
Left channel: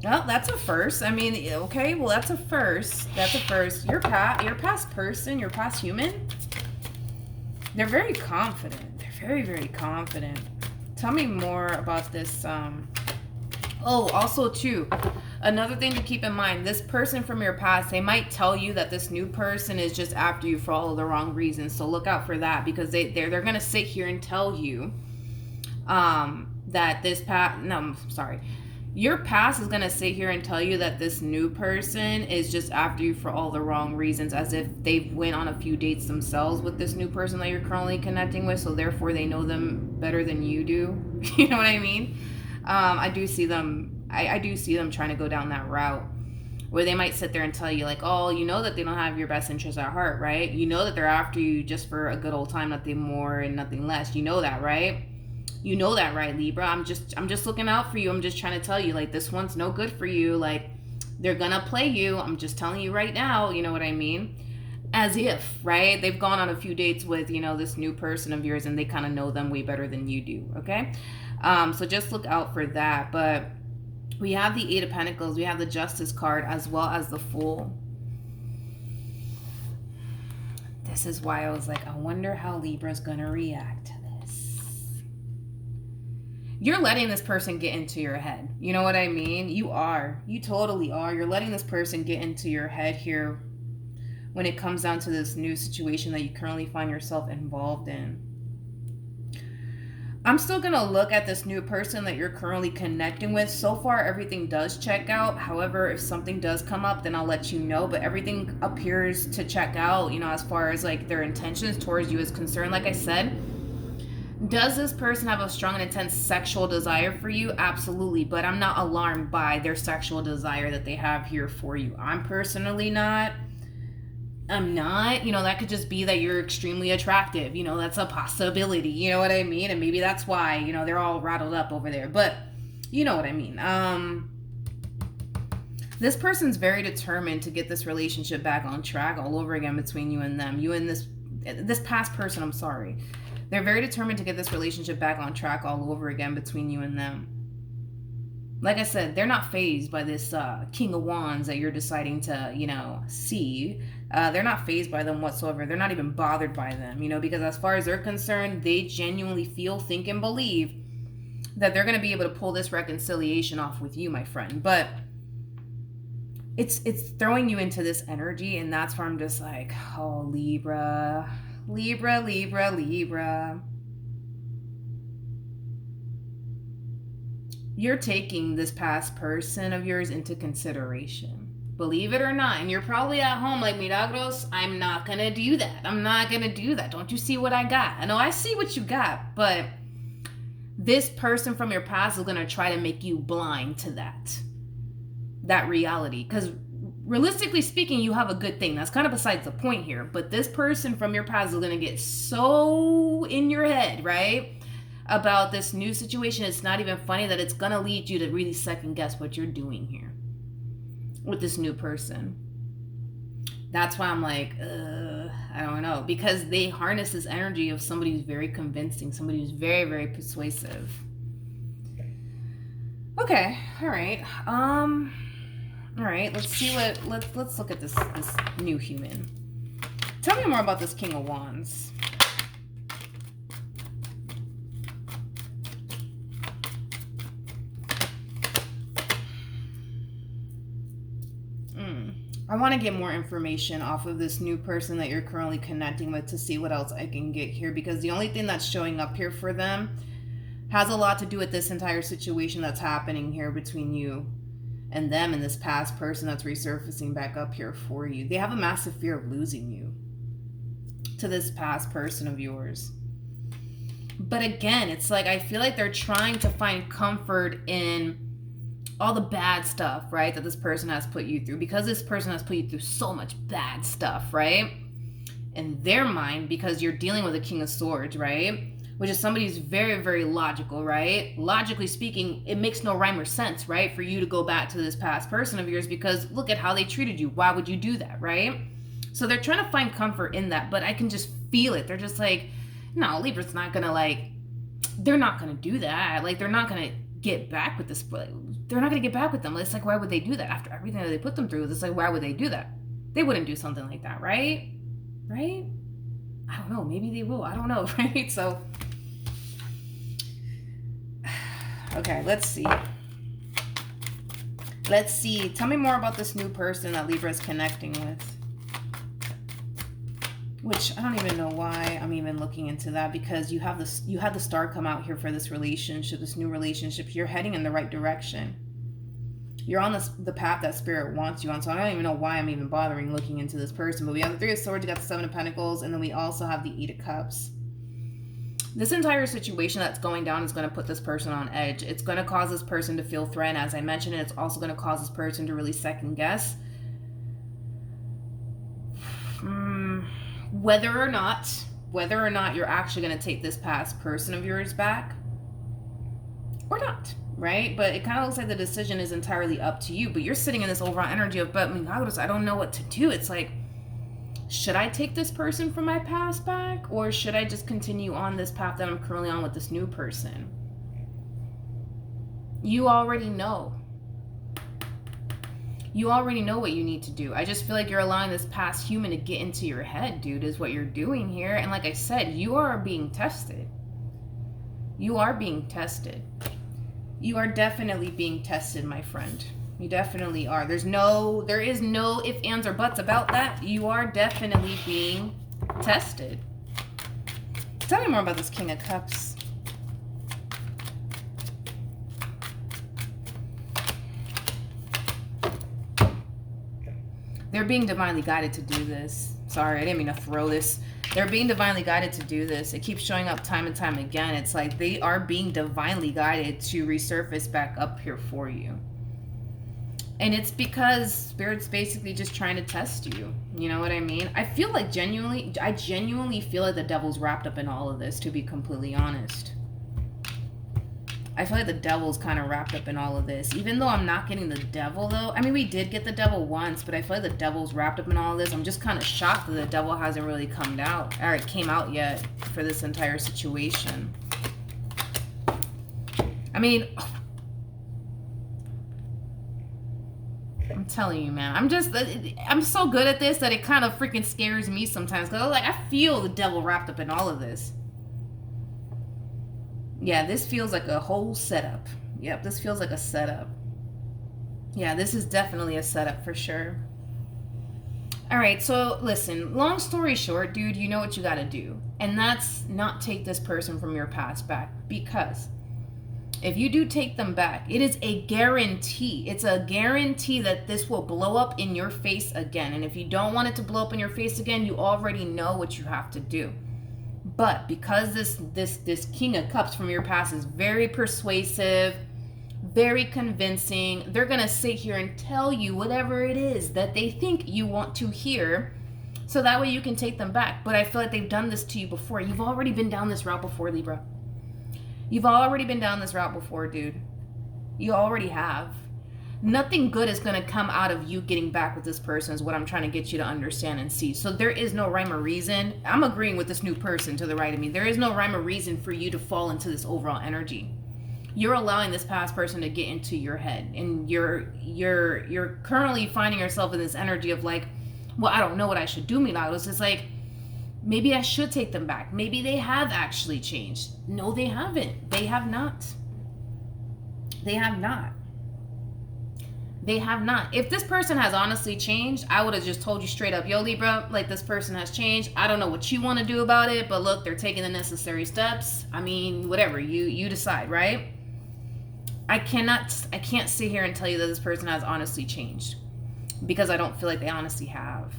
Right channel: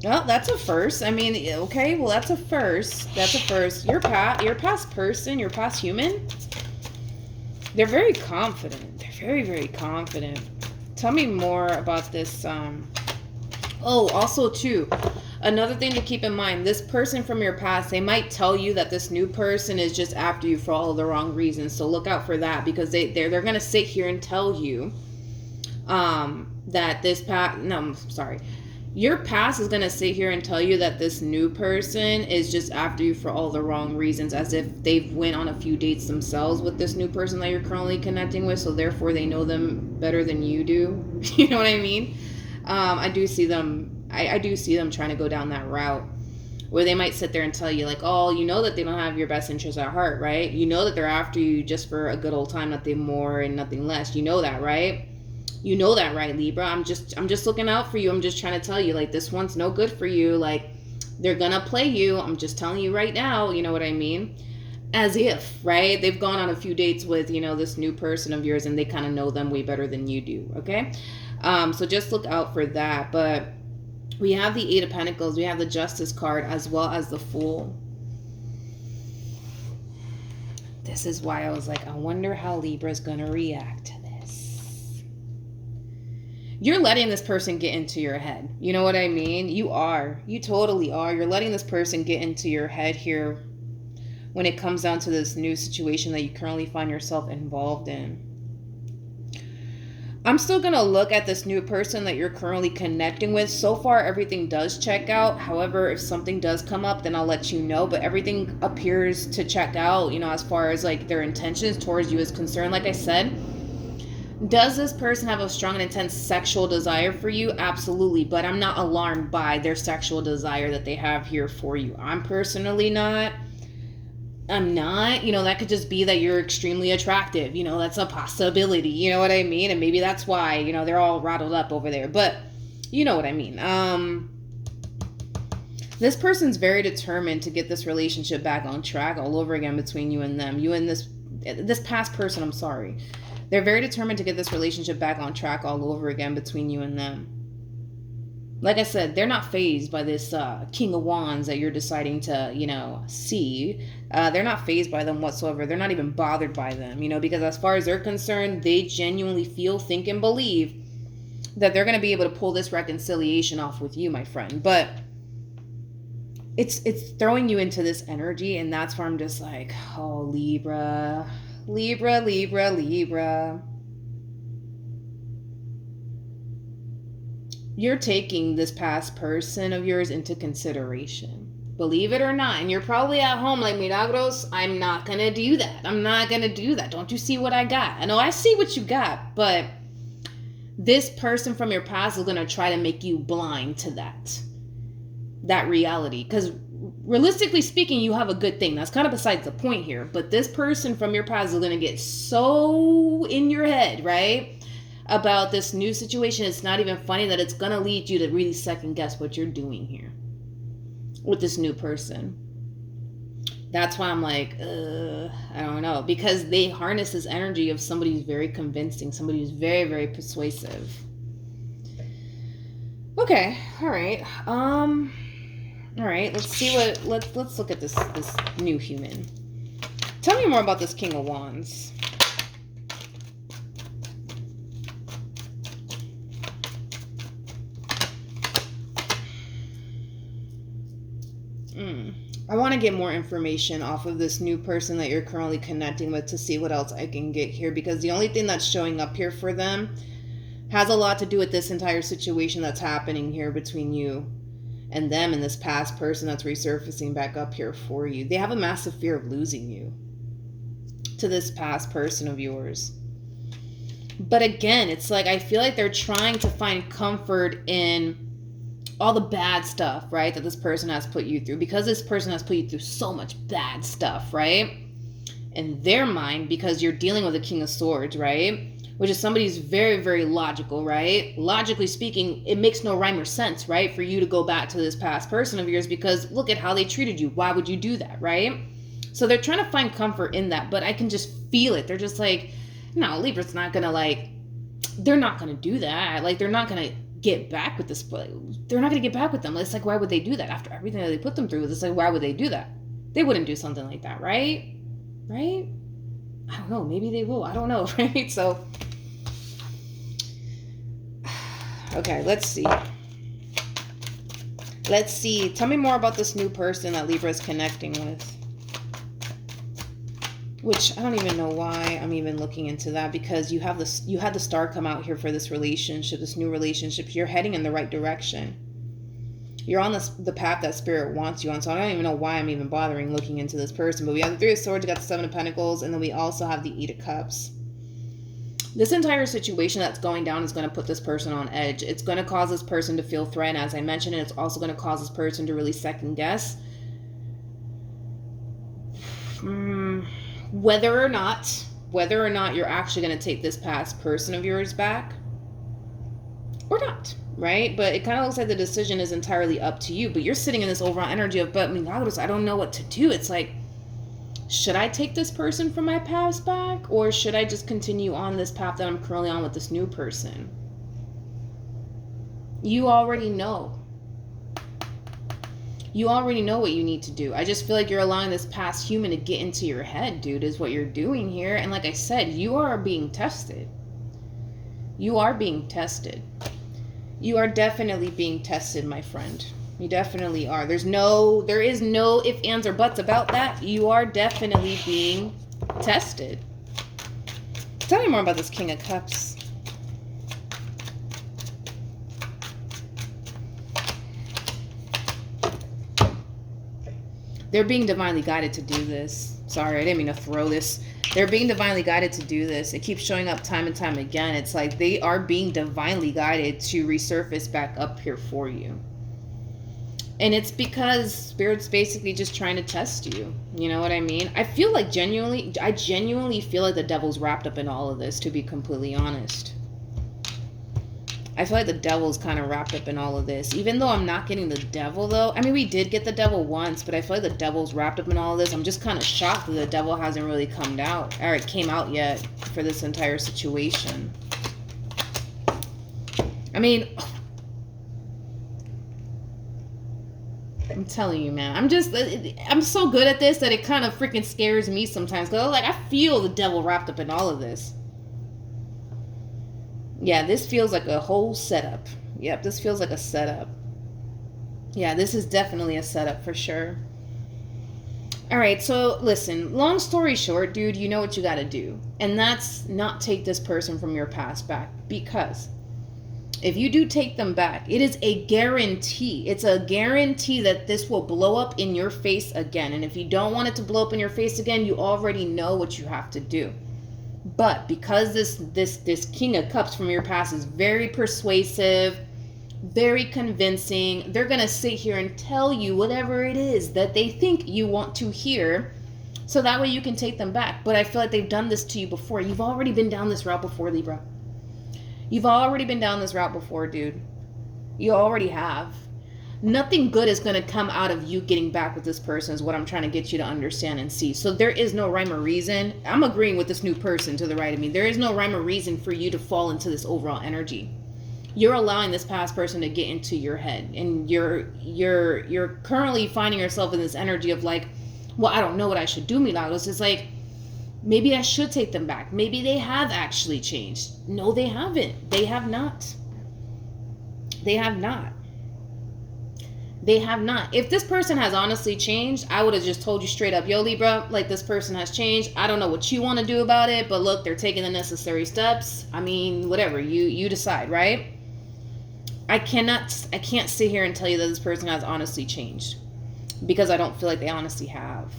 Well, that's a first. I mean, okay, well, that's a first. That's a first. Your past person, your past human, they're very confident. They're very, very confident. Tell me more about this. Also, too, another thing to keep in mind, this person from your past, they might tell you that this new person is just after you for all of the wrong reasons. So look out for that, because they're going to sit here and tell you that this past... No, I'm sorry. Your past is going to sit here and tell you that this new person is just after you for all the wrong reasons, as if they've went on a few dates themselves with this new person that you're currently connecting with, so therefore they know them better than you do. You know what I mean? I do see them trying to go down that route, where they might sit there and tell you, like, oh, you know that they don't have your best interests at heart, right? You know that they're after you just for a good old time, nothing more and nothing less. You know that, right? You know that, right, Libra? I'm just looking out for you. I'm just trying to tell you, like, this one's no good for you. Like, they're gonna play you. I'm just telling you right now. You know what I mean? As if, right? They've gone on a few dates with, this new person of yours, and they kind of know them way better than you do, okay? So just look out for that. But we have the Eight of Pentacles. We have the Justice card, as well as the Fool. This is why I was like, I wonder how Libra's gonna react to this. You're letting this person get into your head. You know what I mean? You are. You totally are. You're letting this person get into your head here when it comes down to this new situation that you currently find yourself involved in. I'm still going to look at this new person that you're currently connecting with. So far, everything does check out. However, if something does come up, then I'll let you know. But everything appears to check out, as far as like their intentions towards you is concerned. Like I said, does this person have a strong and intense sexual desire for you? Absolutely. But I'm not alarmed by their sexual desire that they have here for you. I'm personally not. I'm not. That could just be that you're extremely attractive. That's a possibility. You know what I mean? And maybe that's why, they're all rattled up over there. But you know what I mean. This person's very determined to get this relationship back on track all over again between you and them. You and this past person, I'm sorry. They're very determined to get this relationship back on track all over again between you and them. Like I said, they're not phased by this King of Wands that you're deciding to, see. They're not phased by them whatsoever. They're not even bothered by them, because as far as they're concerned, they genuinely feel, think, and believe that they're going to be able to pull this reconciliation off with you, my friend. But it's throwing you into this energy, and that's where I'm just like, oh, Libra, Libra, Libra, Libra. You're taking this past person of yours into consideration. Believe it or not. And you're probably at home like, Milagros, I'm not going to do that. I'm not going to do that. Don't you see what I got? I know I see what you got, but this person from your past is going to try to make you blind to that reality. Because realistically speaking, you have a good thing. That's kind of besides the point here. But this person from your past is going to get so in your head, right? About this new situation. It's not even funny that it's going to lead you to really second guess what you're doing here with this new person. That's why I'm like, I don't know. Because they harness this energy of somebody who's very convincing, somebody who's very, very persuasive. Okay, all right. All right, let's see what, let's look at this new human. Tell me more about this King of Wands. I want to get more information off of this new person that you're currently connecting with to see what else I can get here, because the only thing that's showing up here for them has a lot to do with this entire situation that's happening here between you and them and this past person that's resurfacing back up here for you. They have a massive fear of losing you to this past person of yours. But again, it's like I feel like they're trying to find comfort in all the bad stuff, right, that this person has put you through, because this person has put you through so much bad stuff, right, in their mind, because you're dealing with a King of Swords, right, which is somebody who's very, very logical, right? Logically speaking, it makes no rhyme or sense, right, for you to go back to this past person of yours, because look at how they treated you. Why would you do that, right? So they're trying to find comfort in that, but I can just feel it. They're just like, no, Libra's not gonna, like, they're not gonna do that. Like, they're not gonna get back with this, they're not gonna get back with them. It's like, why would they do that after everything that they put them through? It's like, why would they do that? They wouldn't do something like that, right? Right? I don't know, maybe they will, I don't know. Right? So okay, let's see, tell me more about this new person that Libra is connecting with. Which I don't even know why I'm even looking into that, because you had the star come out here for this relationship, this new relationship. You're heading in the right direction. You're on the path that Spirit wants you on. So I don't even know why I'm even bothering looking into this person. But we have the Three of Swords, we got the Seven of Pentacles, and then we also have the Eight of Cups. This entire situation that's going down is going to put this person on edge. It's going to cause this person to feel threatened, as I mentioned, and it's also going to cause this person to really second guess whether or not you're actually going to take this past person of yours back or not, right? But it kind of looks like the decision is entirely up to you. But you're sitting in this overall energy of, but Milagros, I don't know what to do. It's like, should I take this person from my past back, or should I just continue on this path that I'm currently on with this new person? You already know. You already know what you need to do. I just feel like you're allowing this past human to get into your head, dude, is what you're doing here. And like I said, you are being tested. You are being tested. You are definitely being tested, my friend. You definitely are. There is no ifs, ands, or buts about that. You are definitely being tested. Tell me more about this King of Cups. They're being divinely guided to do this. Sorry, I didn't mean to throw this. They're being divinely guided to do this. It keeps showing up time and time again. It's like they are being divinely guided to resurface back up here for you. And it's because Spirit's basically just trying to test you. You know what I mean? I genuinely feel like the devil's wrapped up in all of this, to be completely honest. I feel like the devil's kind of wrapped up in all of this. Even though I'm not getting the devil, though. I mean, we did get the devil once, but I feel like the devil's wrapped up in all of this. I'm just kind of shocked that the devil hasn't really come out yet for this entire situation. I mean, I'm telling you, man. I'm so good at this that it kind of freaking scares me sometimes. Because I feel the devil wrapped up in all of this. Yeah, this feels like a whole setup. Yep, this feels like a setup. Yeah, this is definitely a setup for sure. All right, so listen, long story short, dude, you know what you got to do. And that's not take this person from your past back. Because if you do take them back, it is a guarantee. It's a guarantee that this will blow up in your face again. And if you don't want it to blow up in your face again, you already know what you have to do. But because this King of Cups from your past is very persuasive, very convincing, they're going to sit here and tell you whatever it is that they think you want to hear, so that way you can take them back. But I feel like they've done this to you before. You've already been down this route before, Libra. You've already been down this route before, dude. You already have. Nothing good is going to come out of you getting back with this person is what I'm trying to get you to understand and see. So there is no rhyme or reason. I'm agreeing with this new person to the right of me. There is no rhyme or reason for you to fall into this overall energy. You're allowing this past person to get into your head, and you're currently finding yourself in this energy of like, well, I don't know what I should do, Milagros. It's like, maybe I should take them back. Maybe they have actually changed. No, they haven't. They have not. They have not. They have not. If this person has honestly changed, I would have just told you straight up, yo, Libra, like, this person has changed. I don't know what you want to do about it, but look, they're taking the necessary steps. I mean, whatever, you decide, right? I can't sit here and tell you that this person has honestly changed, because I don't feel like they honestly have.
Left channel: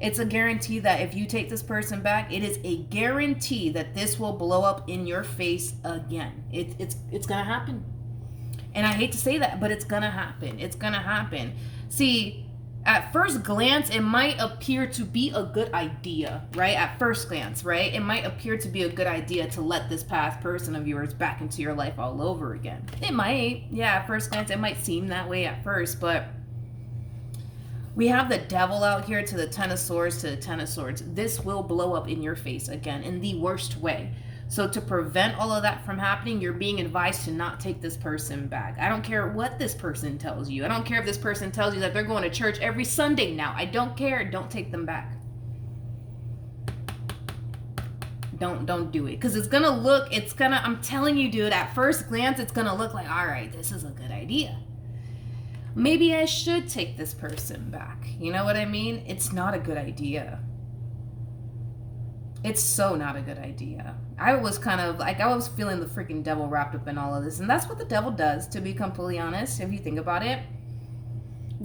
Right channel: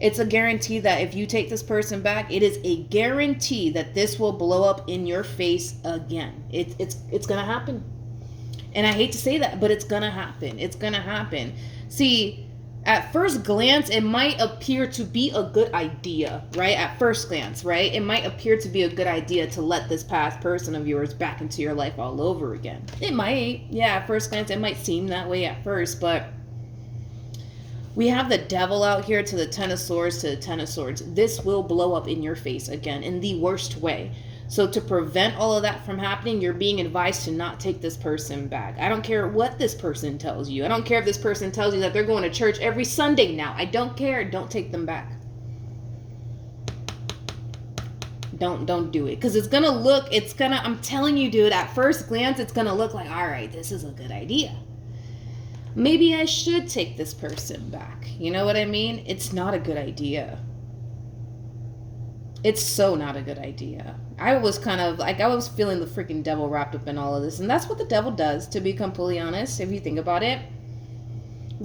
It's a guarantee that if you take this person back, it is a guarantee that this will blow up in your face again. It's gonna happen. And I hate to say that, but it's gonna happen. It's gonna happen. See, at first glance, it might appear to be a good idea, right? At first glance, right? It might appear to be a good idea to let this past person of yours back into your life all over again. It might. Yeah, at first glance, it might seem that way at first, but we have the devil out here to the Ten of Swords to the Ten of Swords. This will blow up in your face again in the worst way. So to prevent all of that from happening, you're being advised to not take this person back. I don't care what this person tells you. I don't care if this person tells you that they're going to church every Sunday now. I don't care. Don't take them back. Don't do it. Because I'm telling you, dude, at first glance, it's going to look like, all right, this is a good idea. Maybe I should take this person back. You know what I mean? It's not a good idea. It's so not a good idea. I was kind of like, I was feeling the freaking devil wrapped up in all of this. And that's what the devil does, to be completely honest, if you think about it. When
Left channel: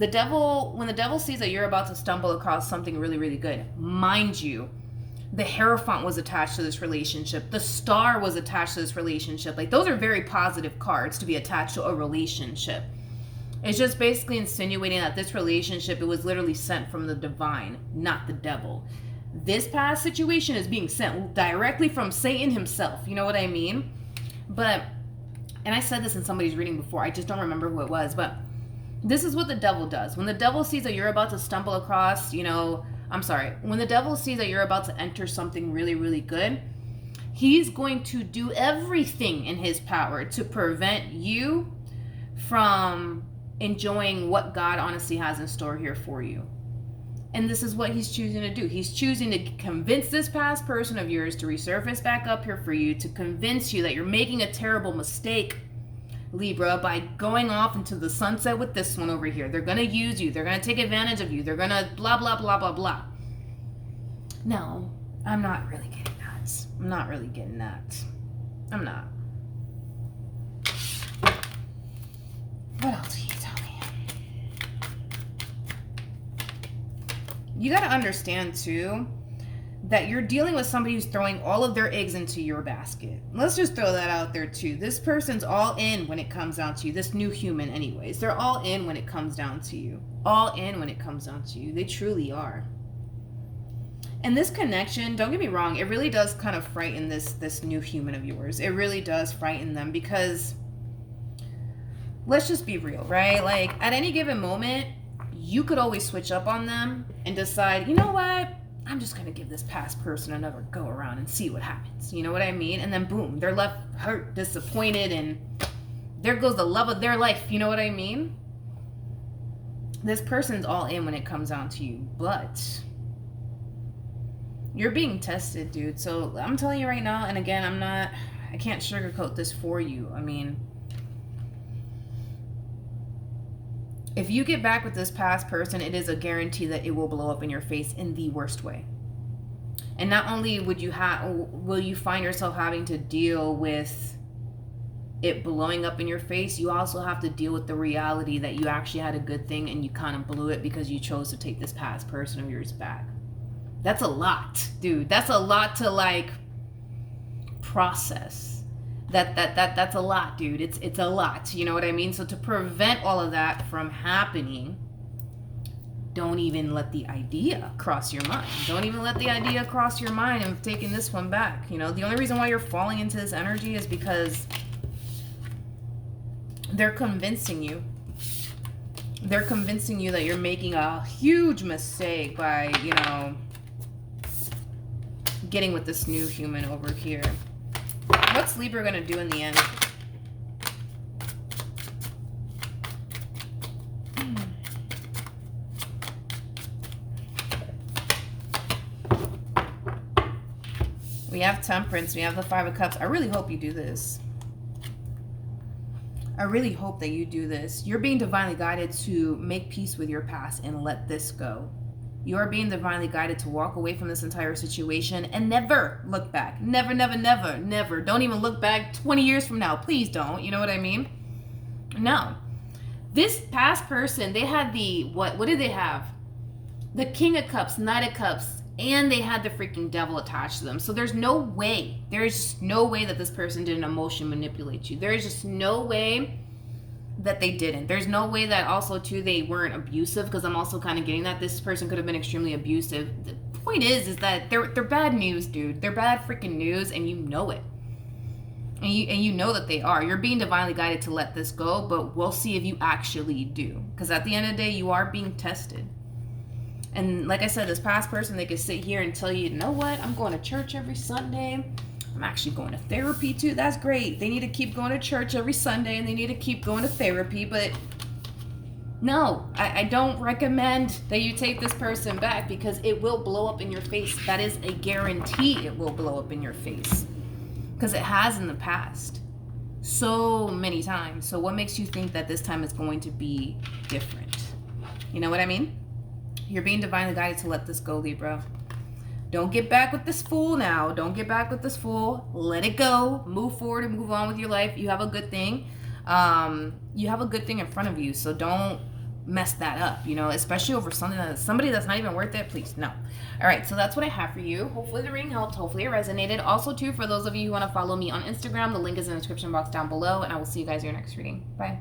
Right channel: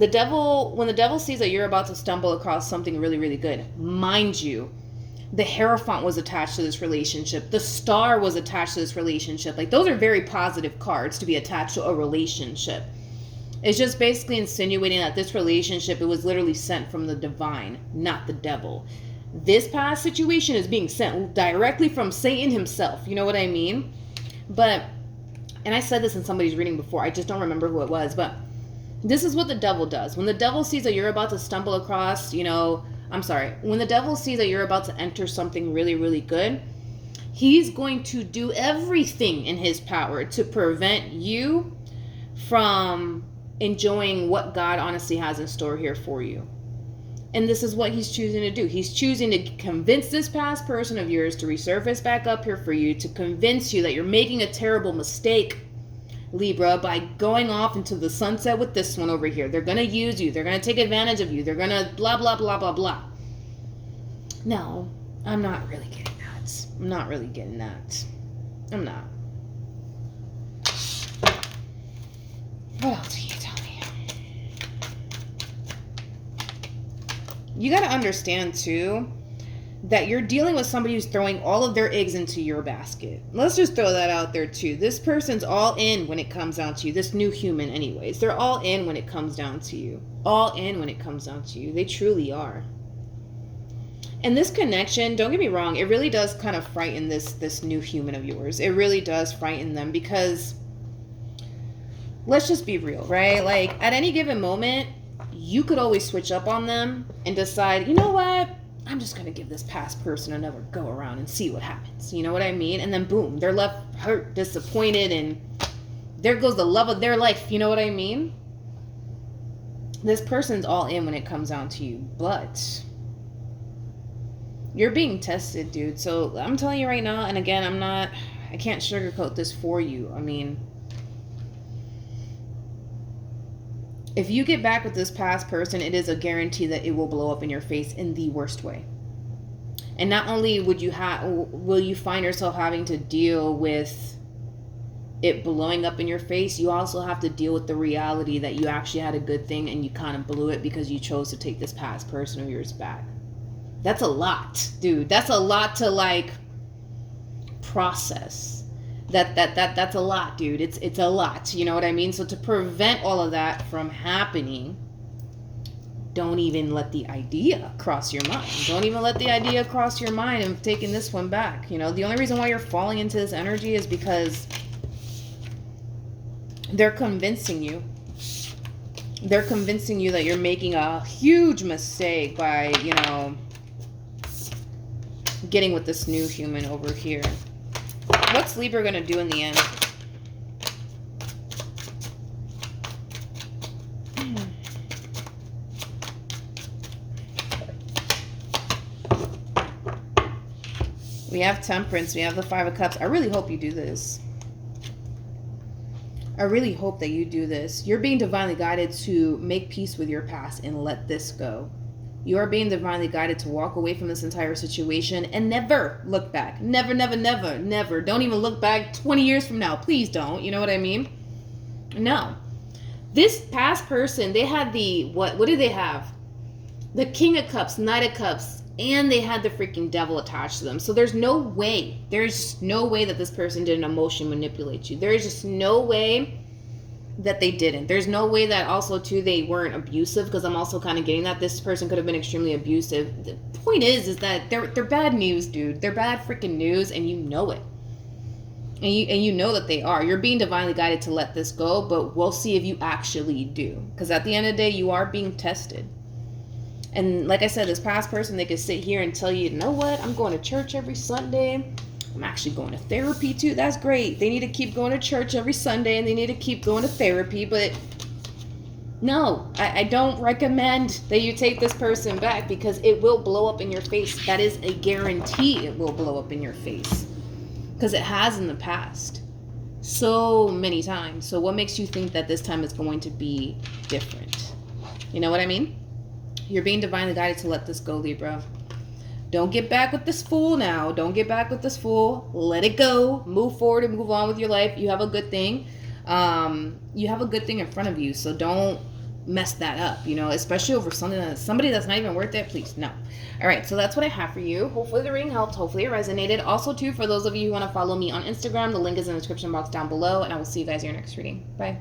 the devil sees that you're about to stumble across something really, really good, mind you, the Hierophant was attached to this relationship. The Star was attached to this relationship. Like, those are very positive cards to be attached to a relationship. It's just basically insinuating that this relationship, it was literally sent from the divine, not the devil. This past situation is being sent directly from Satan himself. You know what I mean? But, and I said this in somebody's reading before. I just don't remember who it was. But this is what the devil does. When the devil sees that you're about to stumble across, when the devil sees that you're about to enter something really, really good, he's going to do everything in his power to prevent you from enjoying what God honestly has in store here for you. And this is what he's choosing to do. He's choosing to convince this past person of yours to resurface back up here for you, to convince you that you're making a terrible mistake, Libra, by going off into the sunset with this one over here. They're going to use you. They're going to take advantage of you. They're going to blah, blah, blah, blah, blah. No, I'm not really getting that. I'm not really getting that. I'm not. What else can you tell me? You got to understand, too, that you're dealing with somebody who's throwing all of their eggs into your basket. Let's just throw that out there, too. This person's all in when it comes down to you. This new human, anyways. They're all in when it comes down to you. All in when it comes down to you. They truly are. And this connection, don't get me wrong, it really does kind of frighten this new human of yours. It really does frighten them because, let's just be real, right? Like, at any given moment, you could always switch up on them and decide, you know what? I'm just going to give this past person another go around and see what happens. You know what I mean? And then boom, they're left hurt, disappointed, and there goes the love of their life. You know what I mean? This person's all in when it comes down to you, but you're being tested, dude. So I'm telling you right now, and again, I can't sugarcoat this for you. I mean, If you get back with this past person, it is a guarantee that it will blow up in your face in the worst way. And not only will you find yourself having to deal with it blowing up in your face, you also have to deal with the reality that you actually had a good thing and you kind of blew it because you chose to take this past person of yours back. That's a lot, dude. That's a lot to like process. That's a lot, dude. It's a lot. You know what I mean? So to prevent all of that from happening, don't even let the idea cross your mind. Don't even let the idea cross your mind of taking this one back. You know, the only reason why you're falling into this energy is because they're convincing you. They're convincing you that you're making a huge mistake by, you know, getting with this new human over here. What's Libra going to do in the end? We have Temperance. We have the Five of Cups. I really hope you do this. I really hope that you do this. You're being divinely guided to make peace with your past and let this go. You are being divinely guided to walk away from this entire situation and never look back. Never, never, never, never. Don't even look back 20 years from now. Please don't. You know what I mean? No. This past person, they had the, what did they have? The King of Cups, Knight of Cups, and they had the freaking devil attached to them. So there's no way that this person didn't emotionally manipulate you. There's just no way that they didn't. There's no way that also too they weren't abusive, because I'm also kind of getting that this person could have been extremely abusive. The point is that they're bad news, dude. They're bad freaking news, and you know it. And you know that they are. You're being divinely guided to let this go, but we'll see if you actually do. Because at the end of the day, you are being tested. And like I said, this past person, they could sit here and tell you, you know what? I'm going to church every Sunday. I'm actually going to therapy too. That's great. They need to keep going to church every Sunday and they need to keep going to therapy. But no, I don't recommend that you take this person back, because it will blow up in your face. That is a guarantee it will blow up in your face, because it has in the past so many times. So what makes you think that this time is going to be different? You know what I mean? You're being divinely guided to let this go, Libra. Don't get back with this fool now. Don't get back with this fool. Let it go. Move forward and move on with your life. You have a good thing. You have a good thing in front of you. So don't mess that up, you know, especially over somebody that's not even worth it. Please, no. All right, so that's what I have for you. Hopefully the reading helped. Hopefully it resonated. Also, too, for those of you who want to follow me on Instagram, the link is in the description box down below. And I will see you guys in your next reading. Bye.